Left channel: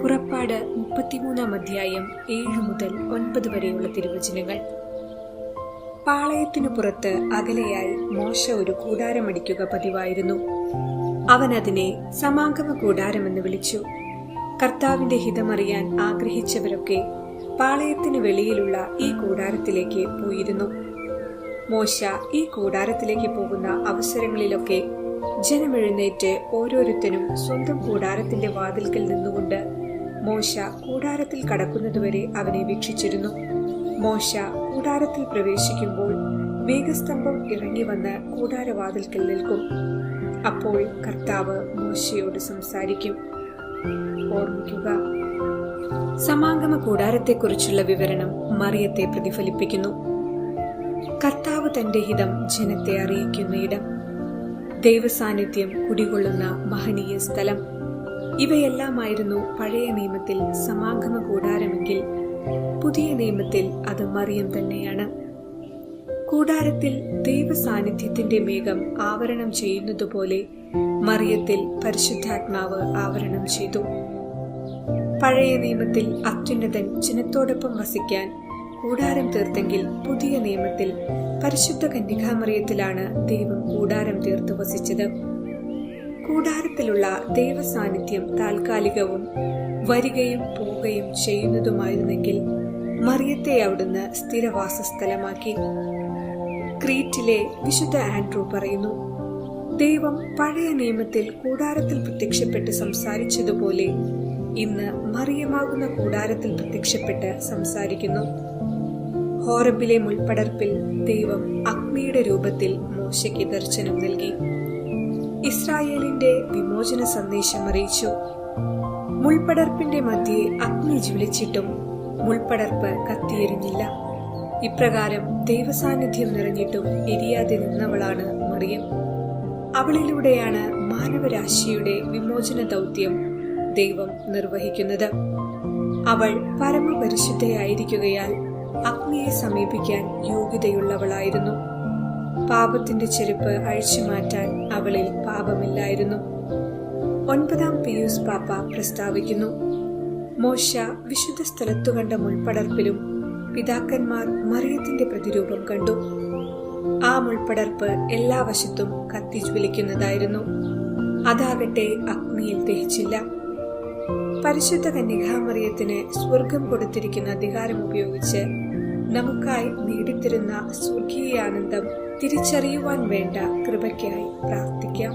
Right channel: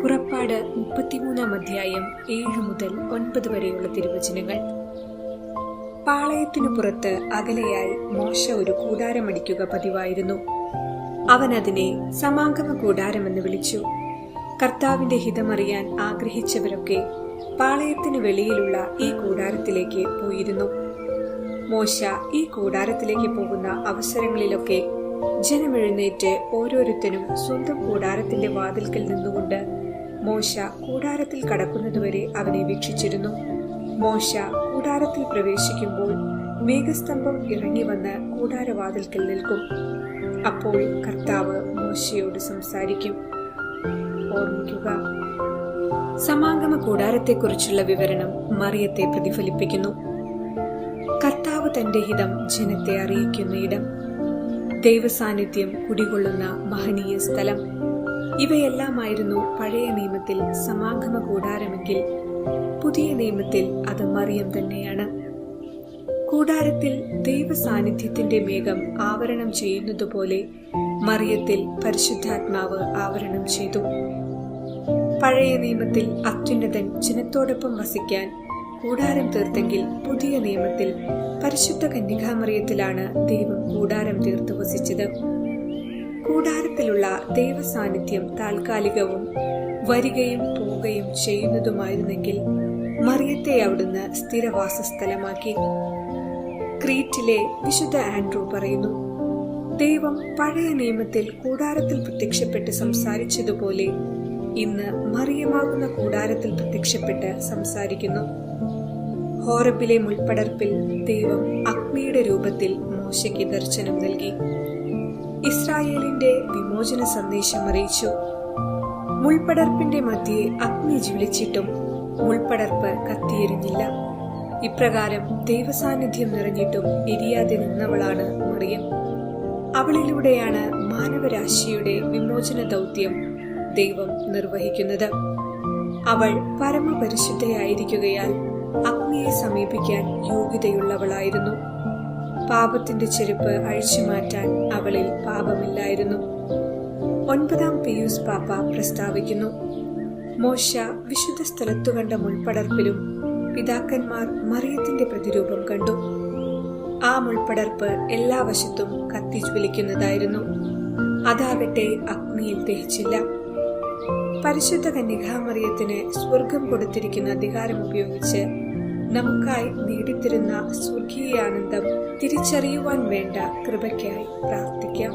പുറപ്പാട് 33 അധ്യായം 7 മുതൽ 9 വരെയുള്ള തിരുവചനങ്ങൾ. പാളയത്തിനു പുറത്ത് അകലെയായി മോശ ഒരു കൂടാരമടിക്കുക പതിവായിരുന്നു. അവൻ അതിനെ സമാഗമ കൂടാരമെന്ന് വിളിച്ചു. കർത്താവിന്റെ ഹിതമറിയാൻ ആഗ്രഹിച്ചവരൊക്കെ പാളയത്തിന് വെളിയിലുള്ള ഈ കൂടാരത്തിലേക്ക് പോയിരുന്നു. മോശ ഈ കൂടാരത്തിലേക്ക് പോകുന്ന അവസരങ്ങളിലൊക്കെ ജനമെഴുന്നേറ്റ് ഓരോരുത്തരും സ്വന്തം കൂടാരത്തിന്റെ വാതിൽക്കൽ നിന്നുകൊണ്ട് മോശ കൂടാരത്തിൽ കടക്കുന്നതുവരെ അവനെ വീക്ഷിച്ചിരുന്നു. മോശ കൂടാരത്തിൽ പ്രവേശിക്കുമ്പോൾ മേഘസ്തംഭം ഇറങ്ങി വന്ന് കൂടാരവാതിൽക്കൽ നിൽക്കും. അപ്പോൾ കർത്താവ് മോശയോട് സംസാരിക്കും. ഓർമ്മിക്കുക, സമാഗമ കൂടാരത്തെക്കുറിച്ചുള്ള വിവരണം മറിയത്തെ പ്രതിഫലിപ്പിക്കുന്നു. കർത്താവ് തന്റെ ഹിതം ജനത്തെ അറിയിക്കുന്ന ഇടം, ദൈവസാന്നിധ്യം കുടികൊള്ളുന്ന മഹനീയ സ്ഥലം, ഇവയെല്ലാമായിരുന്നു പഴയ നിയമത്തിൽ സമാഗമ കൂടാരമെങ്കിൽ പുതിയ നിയമത്തിൽ അത് മറിയം തന്നെയാണ്. കൂടാരത്തിൽ ദൈവസാന്നിധ്യത്തിന്റെ മേഘം ആവരണം ചെയ്യുന്നതുപോലെ മറിയത്തിൽ പരിശുദ്ധാത്മാവ് ആവരണം ചെയ്തു. പഴയ നിയമത്തിൽ അത്യുന്നതൻ ജനത്തോടൊപ്പം വസിക്കാൻ കൂടാരം തീർത്തെങ്കിൽ പുതിയ നിയമത്തിൽ പരിശുദ്ധ കന്യകാമറിയത്തിലാണ് ദൈവം കൂടാരം തീർത്ത് വസിച്ചത്. കൂടാരത്തിലുള്ള ദൈവസാന്നിധ്യം താൽക്കാലികവും വരികയും പോവുകയും ചെയ്യുന്നതുമായിരുന്നെങ്കിൽ മറിയത്തെ അവിടുന്ന് സ്ഥിരവാസസ്ഥലമാക്കി. ക്രീറ്റിലെ വിശുദ്ധ ആൻഡ്രൂ പറയുന്നു, ദൈവം പഴയ നിയമത്തിൽ കൂടാരത്തിൽ പ്രത്യക്ഷപ്പെട്ട് സംസാരിച്ചതുപോലെ ഇന്ന് മറിയമാകുന്ന കൂടാരത്തിൽ പ്രത്യക്ഷപ്പെട്ട് സംസാരിക്കുന്നു. ഹോറബിലെ മുൾപ്പടർപ്പിൽ ദൈവം അഗ്നിയുടെ രൂപത്തിൽ മോശയ്ക്ക് ദർശനം നൽകി. ഇസ്രായേലിന്റെ വിമോചന സന്ദേശം അറിയിച്ചു. മുൾപ്പടർപ്പിന്റെ മധ്യേ അഗ്നി ജ്വലിച്ചിട്ടും മുൾപ്പടർപ്പ് കത്തിയെരിഞ്ഞില്ല. ഇപ്രകാരം ദൈവസാന്നിധ്യം നിറഞ്ഞിട്ടും എരിയാതെ നിന്നവളാണ് മറിയം. അവളിലൂടെയാണ് മാനവരാശിയുടെ വിമോചന ദൗത്യം ദൈവം നിർവഹിക്കുന്നത്. അവൾ പരമപരിശുദ്ധയായിരിക്കുകയാൽ അഗ്നിയെ സമീപിക്കാൻ യോഗ്യതയുള്ളവളായിരുന്നു. പാപത്തിന്റെ ചെരുപ്പ് അഴിച്ചുമാറ്റാൻ അവളിൽ പാപമില്ലായിരുന്നു. 9 പീയൂസ് പാപ്പ പ്രസ്താവിക്കുന്നു, മോശ വിശുദ്ധ സ്ഥലത്തു കണ്ട മുൾപ്പടർപ്പിലും പിതാക്കന്മാർ മറിയത്തിന്റെ പ്രതിരൂപം കണ്ടു. ആ മുൾപ്പടർപ്പ് എല്ലാ വശത്തും കത്തിജ്വലിക്കുന്നതായിരുന്നു. അതാകട്ടെ അഗ്നിയിൽ ദഹിച്ചില്ല. പരിശുദ്ധ കന്യകാമറിയത്തിന് സ്വർഗം കൊടുത്തിരിക്കുന്ന അധികാരം ഉപയോഗിച്ച് നമുക്കായി നേടിത്തരുന്ന സ്വർഗീയ ആനന്ദം തിരിച്ചറിയുവാൻ വേണ്ട കൃപയ്ക്കായി പ്രാർത്ഥിക്കാം.